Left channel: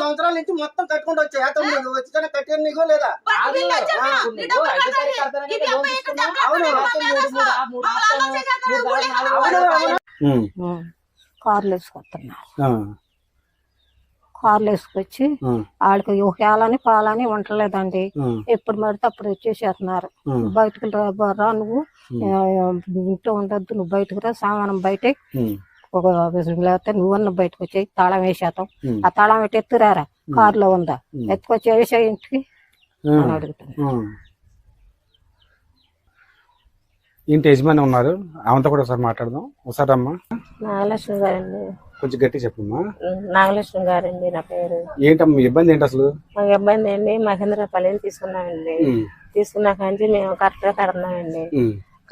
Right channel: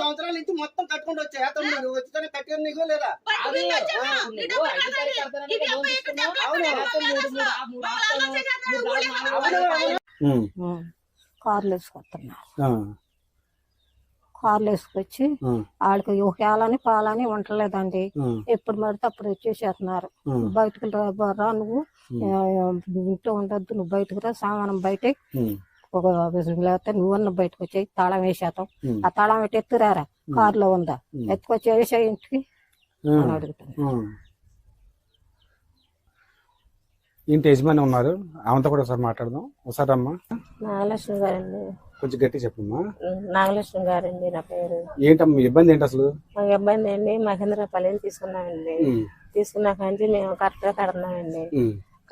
సంవత్సరాల నుంచి మొత్తం కట్టుకుంటూ వచ్చాయి. వచ్చిన కట్టిన నీకు లేదా? కార్లు వేసుకొస్తున్నారు. కార్లు వేసుకొచ్చి వాళ్ళకి ఊహేయాలని పాలని ఉండలేదండి. ఎప్పుడు పడితే అప్పుడు వచ్చేసేస్తున్నారు. బయటకు రా, నువ్వు ఇంట్లో ఉండద్దు, నువ్వు బయటకు రా, సామానం బయట ఒక లేకపోతే నువ్వన్న బయటకు వచ్చాయి, తాళం వేసేస్తాం. ఆ తాళం పెట్టి ఎత్తురారా, కారులో ఉందా, ఎత్తుకొచ్చి వేసే ఇంటికి అని అడుగుతాను. ఇంటి యజమాని ఉన్నారు, ఆమెతో కూడా ఒకసారి మాట్లాడదాం. ఒకసారి అమ్మా. నాగలక్ష్మి గారండి. కొంచెం గట్టి చెప్పమ్మా. నాగలక్ష్మి గారండి నా పేరు. ఏంటమ్మా ఇబ్బంది ఏంటి అసలు? మాకు ఇబ్బంది అండి, మహేంద్రపల్లిని తీసుకున్నామండి. తీసుకున్నాక మేము కరెక్ట్ గా కడుతున్నామండి.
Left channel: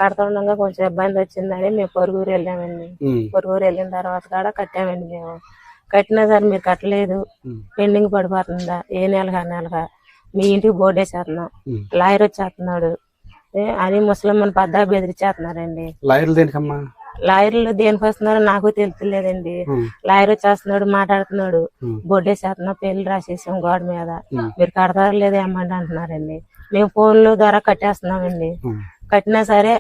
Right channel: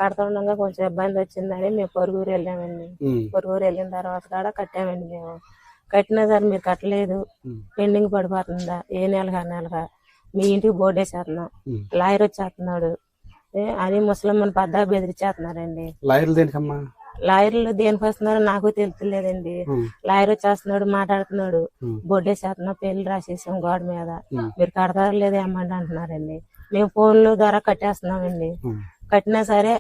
కడుతుండగా కొంచెం ఇబ్బంది వచ్చిందని మేము పొరుగురు వెళ్ళామండి. పొరుగురు వెళ్ళిన తర్వాత కూడా కట్టామండి. మేము కట్టినా సరే మీరు కట్టలేదు, పెండింగ్ పడిపోతుందా, ఏ నెలగా నెలగా మీ ఇంటికి బోర్డు వేసేస్తున్నాం, లాయర్ వచ్చేస్తున్నాడు అని ముసలమ్మని పద్దా బెదిరించేస్తున్నారండి. లాయర్లు దేనికి వస్తున్నారో నాకు తెలుస్తలేదండి. లాయర్ వచ్చేస్తున్నాడు, మాట్లాడుతున్నాడు, బొడ్డేసేస్తున్నాం, పెళ్లి రాసేసాం గోడ మీద, మీరు కడతారో లేదో ఏమంటే అంటున్నారండి. మేము ఫోన్ల ద్వారా కట్టేస్తున్నామండి. కట్టినా సరే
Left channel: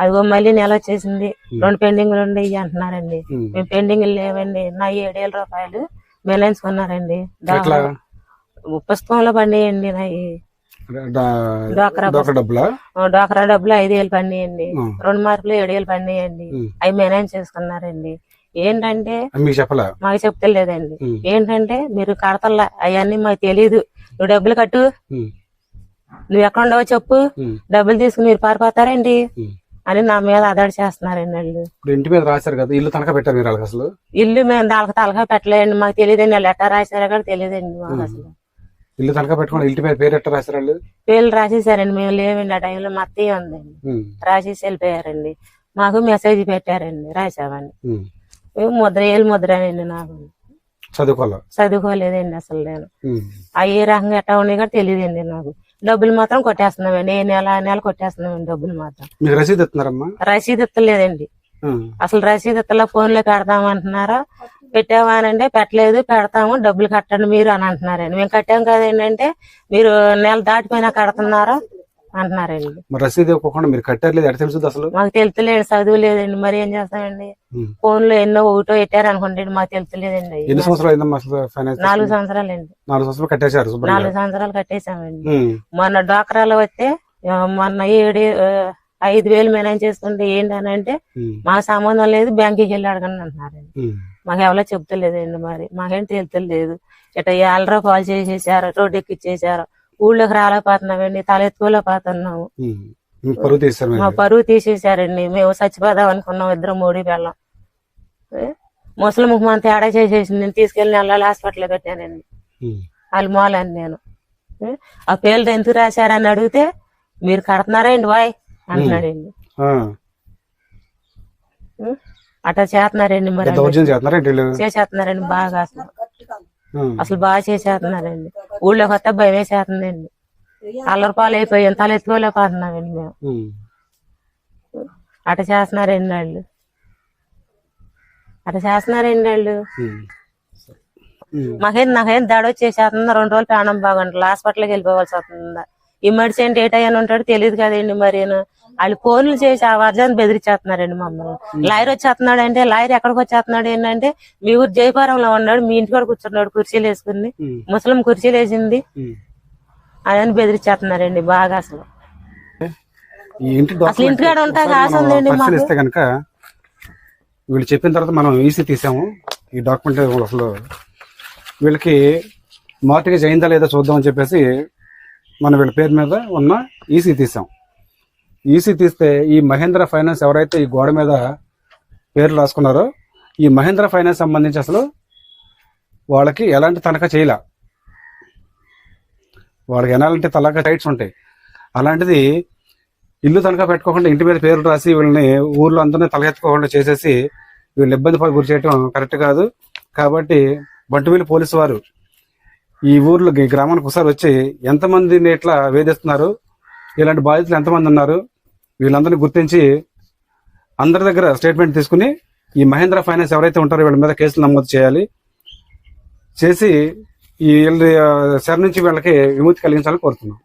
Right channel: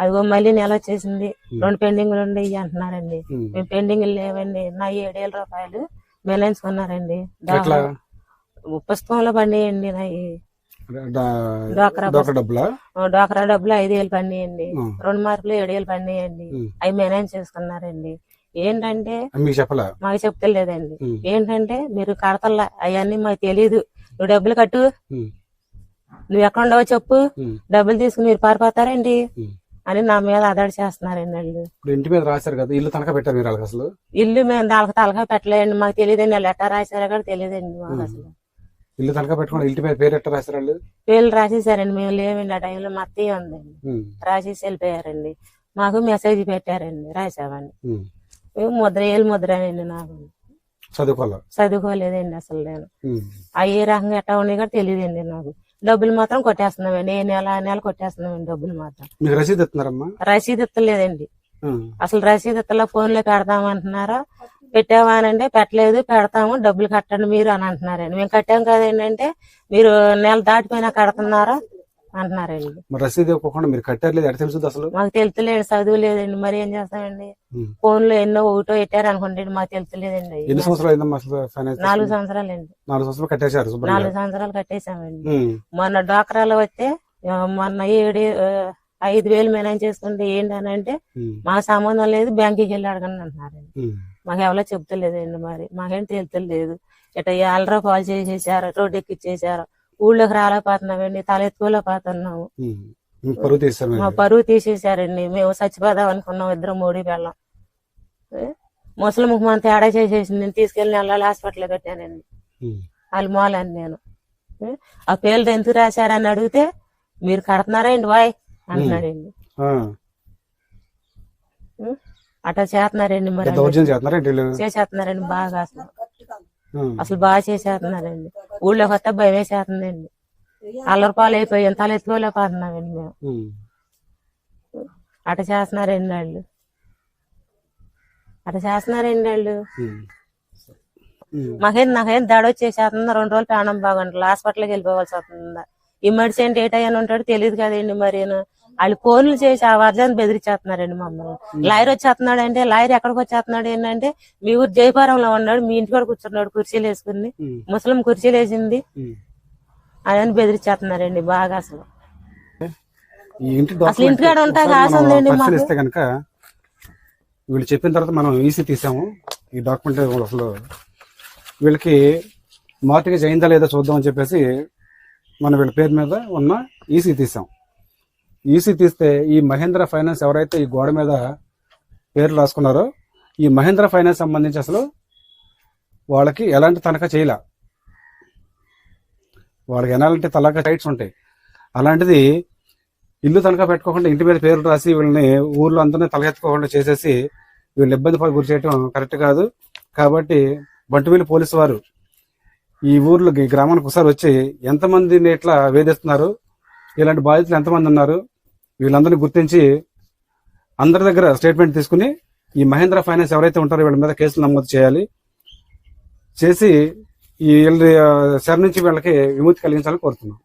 అదిగో మళ్ళీ నెల వచ్చేసింది, 2 పెండింగ్లు ఉండేవి అంటున్నారండి. మేము పెండింగ్లు లేవండి. నా 7,000 రూపాయలు మెలాయించుకున్నారండి. పుస్తకంలో పండియండి. నా డోకరా డబ్బులు 5,000 పండియండి. 2 మార్కులు 7,000 పండియండి. అవి మేనేజ్ చేసుకున్నారండి. ఏంటంటే మాకు చెప్తలేదండి. ఏంటంటే మీరు కడతల్లా అవన్నీ మాకు తెలీదు, నువ్వు డబ్బులు కట్టు, నువ్వు ఎక్కడుండవో చెప్పు, డబ్బులు తీసుకుని మీరు పారిపోతారండి అని నా మీద అదాడి చేస్తున్నారండి వాళ్ళు. ఇంటి మీద రాశారు కదా, ఇల్లు తనఖా పెట్టారు మీరు అసలు? ఇల్లు మేము దానికి తలఖా పెట్టలేండి, మాకు తెలియదండి. వాళ్ళు ఎట్టా రాశారో కూడా తెలియదండి మాకు అసలు. ఇల్లు తనఖా పెట్టుకోండి, ఇంటి మీద పేరు ఎట్లా రాశారు వాళ్ళు? పేర్లు రాసేసారండి, మేము లేవండి. ఆ టైంలో మా అత్తయ్య ఉందండి, రాసేసి వెళ్ళిపోయారండి. మాకు మెసేజ్ పెట్టారండి, రాసామని. మేము ముద్ర అండి. నాకు చదువుకోలేదండి అసలు. నేను ఏ రకంగా ఎట్టా ఉన్నాయి కూడా తెలియదండి నాకు. డబ్బులు మాత్రం కొట్టేస్తున్నామండి, ఏ నెల కొట్టేస్తున్నామండి డబ్బులు మాత్రం. రసీదు ఇస్తలేదండి అసలు. రసీదు ఇస్తలా, ఫోన్లో పెడతామంటున్నారా, పెట్టావా అని అంటే పెట్టలేదు, పెడతాము, డబ్బులు కట్టండి మీరు అని అంటున్నారండి. మేము కట్టాం కదండి, మీరు నెల దాటిపోయినా కడుతున్నారా అంటున్నారండి. రసీదు ఇవ్వకుండా మీరు కట్టారు అసలు? మాకు తెలుతలేదు, చదువు లేదండి, మరి ఏం చేస్తామండి. ఫోన్ లో ఎన్నో ఒకటో పెట్టారు అనుకుంటే మాకు తెలుతలేదండి. 4 సంవత్సరాలండి. 4 సంవత్సరాలు 4 సంవత్సరాలు కట్టేశారు. 4 సంవత్సరాలు కట్టేశామండి. మొన్న డ్వాక్రాలో వస్తే మొన్న 5,000 మేనేజ్ చేసుకుంటే ఏంటనంటే మా సంబంధం లేదు, బ్యాంకుకి వెళ్ళి అడగండి అంటున్నారండి. మాకు ఎవరో చెప్తలేదండి, మరి మాకేం తెలుతలేదు. ఇట్లా 50 రూపాయలు చేసేసారు, రోడ్డు ఎక్కిచ్చేసారు, ఊళ్ళోకి రాలేకపోతున్నామండి, తలెత్తుకోలేకపోతున్నాము. మా పరువు తీసేసారండి. మేము చచ్చిపోదాం అనుకున్నాం, 2 3 పిల్లం. ముసలి ముఖం తేడా చేసేసింది. నేను తీసుకెళ్లి నెలలు హాస్పిటల్లో పెట్టానండి. వాళ్ళు మూలని నేను ఆ పేర్లు ఎందుకు రాశారని అడిగితే మీరు కడుతున్నారండి వాయ్ అంటున్నాడండి. అట్లా చేస్తున్నారండి, మరి చేసేస్తున్నారండి బాగా. అసలు బాగా చేసేస్తున్నారండి. ఊళ్ళో కొత్త భయం వేసేస్తుందండి. 100 రూపాయలు అయిపోయాం, తలెత్తుకోలేకపోతున్నామండి మేము. అట్లా చేస్తున్నారండి వాళ్ళు. నాకేం దడ వచ్చేసేస్తుందా, 2 రోజులు ప్రాణం బాగుంటుంది, హాస్పిటల్కి వెళ్ళిపోవాల్సి వస్తుందా. ఎమర్జెంట్ ఏటయ్యాని ఉంటాడు తెలియదు కదండి. మరి వాళ్ళు ఫోన్లు చేసి ఆ వర్జాన్ని బెదిరించేస్తున్నారండి మమ్మల్ని. లాయర్ వచ్చేస్తున్నాడు అంటే, లాయర్ ఎక్కడికి వచ్చేస్తున్నాడు ఏంటంటే, మీ ఊరు జయపురంలో ఉన్నాడు, మీ ఇంటి కూడా కూర్చున్నాడు కుర్చీలు వేసుకుని, ముసలిం కుర్చీలు వేసింది అదని బెదిరించేస్తున్నారండి బాగా. అసలు ఇంటికాడ ఉంటా ఆశ ఉందండి మాకు. వీళ్ళు చెప్పిన తర్వాత మనం ఈసీ తీసాము. ఈ డాక్యుమెంట్ అసలు వీళ్ళకి మార్టిగేజ్ అయిందా లేదా చూద్దామని చెప్పేసి మనం వీళ్ళ పేరు మీద ఉన్న ఈసీ తీసాం. ఈసీ తీస్తే ఈ మహేంద్ర ఫైనాన్స్ ఎవరైతే ఈ గోడ మీద పేర్లు రాసుకున్నారో, ఈ మహేంద్ర ఫైనాన్స్ సంబంధించి అసలు వాళ్ళకి ఎలాంటి తనఖా చేయలే. వాళ్ళకి ఎలాంటి తనఖా రైట్స్ ఉంటాయి. అలాంటిది ఇల్లు తనఖా పెట్టుకోకుండా ఇంటి మీద పేర్లు రాసి వీళ్ళని ఊర్లో అందరినీ తలెత్తుకోకుండా చేసేసి వీళ్ళు ఇబ్బంది గురి చేయడం కరెక్ట్ కాదు. కాబట్టి బంటుమిల్లి పోలీసు వారు ఈ ఊర్లో ఈ గ్రామానికి ఒకసారి వచ్చి ఎంతమందిని ఇట్లా వేధిస్తున్నారు, ఇలాంటి బాధితులు ఎంతమంది ఉన్నారు, వీళ్ళందరినీ గుర్తించి అందరి దగ్గర స్టేట్మెంట్ తీసుకుని ఈ మహేంద్ర ఫైనాన్స్ ఎవరైతే ఉంటారో వీళ్ళ మీద కేసులు నమోదు చేయాలి, చేసి ఈ శర నుంచి వీళ్ళకి విముక్తి కలిగించాలని కోరుతున్నాం.